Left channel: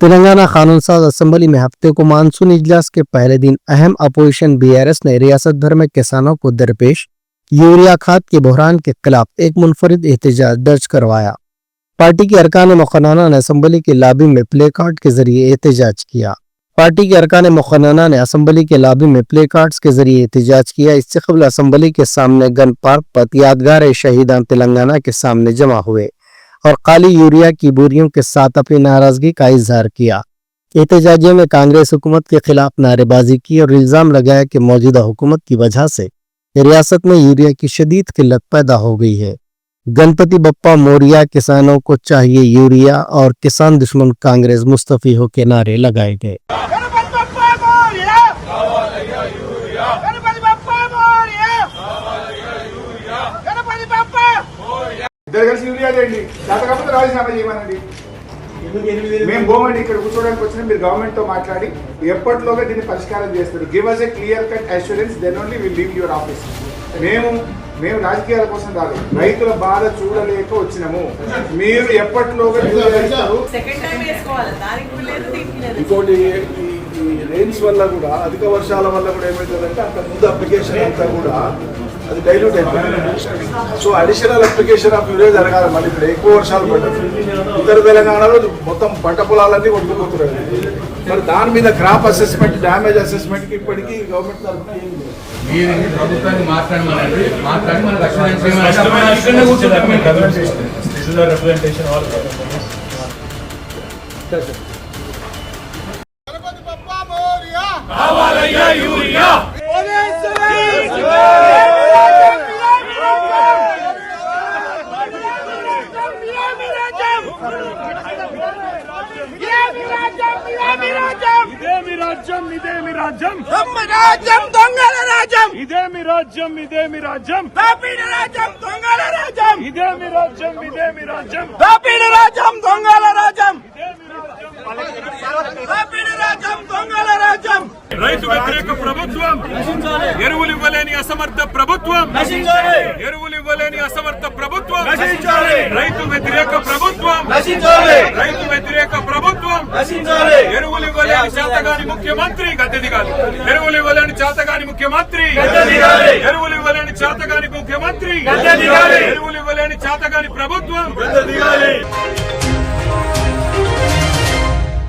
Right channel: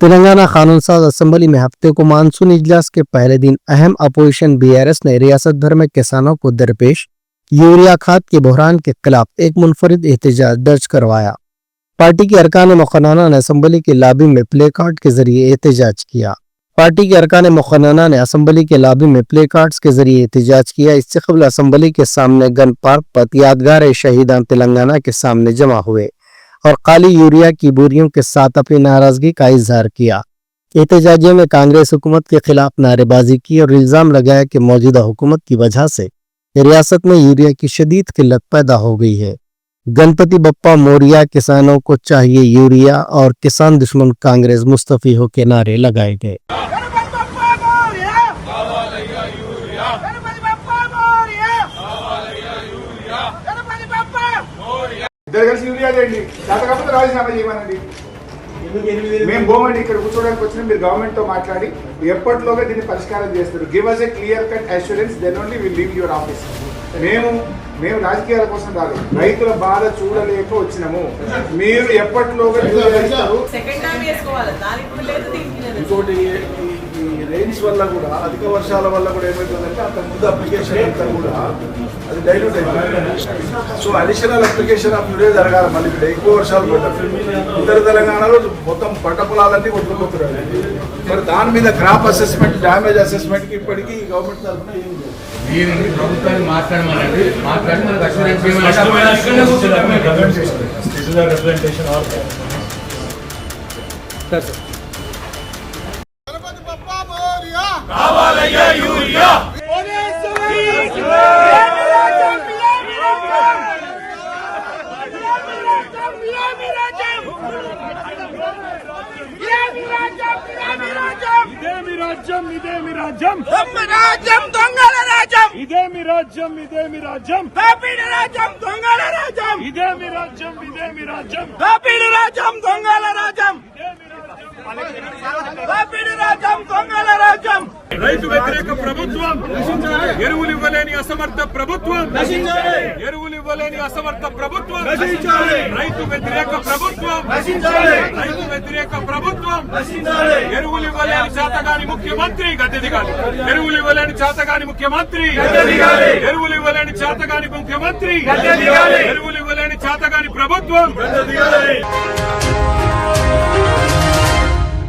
तेलंगाना कानून साज असेंबली में हफ्ते को मानसून इजलास के पहले दिन अहम अपोजिशन बीआरएस ने रियासत भर में किसानों को दरपेश यूरिया खाद के बहरान के खिलाफ एक मुनफरिद एहतजाज दर्ज करवाया। पार्टी के अरकान मुखन्ना ने असेंबली के लॉबी में प्ले कार्ड के जरिए एहतजाज किया। पार्टी के अरकान मुखन्ना ने असेंबली के लॉबी में प्ले कार्ड्स के जरिए एहतजाज किया। इससे कबल असेंबली के सामने गन पार्क पर यादगार शहीदान तेलंगाना के सामने जमा हुए और काली यूरिया की बोरियों के साथ अपनी नाराजगी का इजहार किया। एहतजाजियों में कांग्रेस हुकूमत के खिलाफ नारेबाजी की और इल्जाम लगाया कि मौजूदा हुकूमत की वजह से रियासत में यूरिया की शदीद किल्लत पैदा हो गई है। गणपति बप्पा मोरिया, किसानों को चाहिए यूरिया और किसान दुश्मन कांग्रेस मुस्तफी हो के नारे लगाए गए। ఇద్దరు కలిసి యూరియా చేయండి, కాకపోతే రాజీనామా చేయమనండి. మేము పోమండి, ఇక్కడ కూర్చోడానికి వచ్చిన మీరు గవర్నమెంట్ తో మాట్లాడి ఎప్పటిలోగా దీన్ని పరిష్కారం చేస్తారు. Give us a clear cut assurance, then only will leave your office. మేము రాజకీయాల కోసం రాలేదు, రైతుల బాధ చూడలేక వచ్చినాము. మీరు ఎప్పటిలోగా ఇంకోటి ఈ రెయిన్స్ వల్ల కూడా, అధిక వర్షాల వల్ల కూడా ఏమవుతుందంటే అంత ముందు అప్లికేషన్ అంతా కూడా అది డైల్యూట్ అయిపోతుంది. So additional application of urea జరగాలి. మళ్ళీ ఇప్పుడు ఎక్కువ వర్షాలు పడుతుంది, ఉత్తర తెలంగాణలో మొత్తం పంట పొలాలన్నీ కొట్టుకుపోతున్నాయి. మరి దాని మీద క్రాప్ అసెస్మెంట్, డ్యామేజ్ అసెస్మెంట్ కి ఇప్పటికీ గవర్నమెంట్ తరఫున ఏం లేదు. ప్రభుత్వాన్ని మాట్లాడమనండి, మాట్లాడి మన గణపతి బప్పా మోరియా కావాలయ్యా యూరియా. ఇదేమి రాజ్యం, దొంగల రాజ్యం. ఇదేమి రాజ్యం, ఇదేమి రాజ్యం, దోపిడీ రాజ్యం, దొంగల రాజ్యం. ఇదేమి రాజ్యం, ఇదేమి రాజ్యం, దోపిడీ రాజ్యం, దొంగల రాజ్యం. దోపిడీ రాజ్యం, దొంగల రాజ్యం. రైతు వ్యతిరేక ప్రభుత్వం, ఎరువులు ఇవ్వలేని అసమర్థ ప్రభుత్వం, ఎరువులు ఇవ్వలేని అసమర్థ ప్రభుత్వం, రైతు వ్యతిరేక ప్రభుత్వం, రైతు వ్యతిరేక ప్రభుత్వం, ఎరువులు ఇవ్వలేని చేతగాని ముఖ్యమంత్రి గద్దె దిగాలి. ఎరువులు ఇవ్వలేని చేతగాని ముఖ్యమంత్రి, ఎరువులు ఇవ్వలేని చేతగాని ముఖ్యమంత్రి, ఎరువులు ఇవ్వలేని చేతగాని ప్రభుత్వం.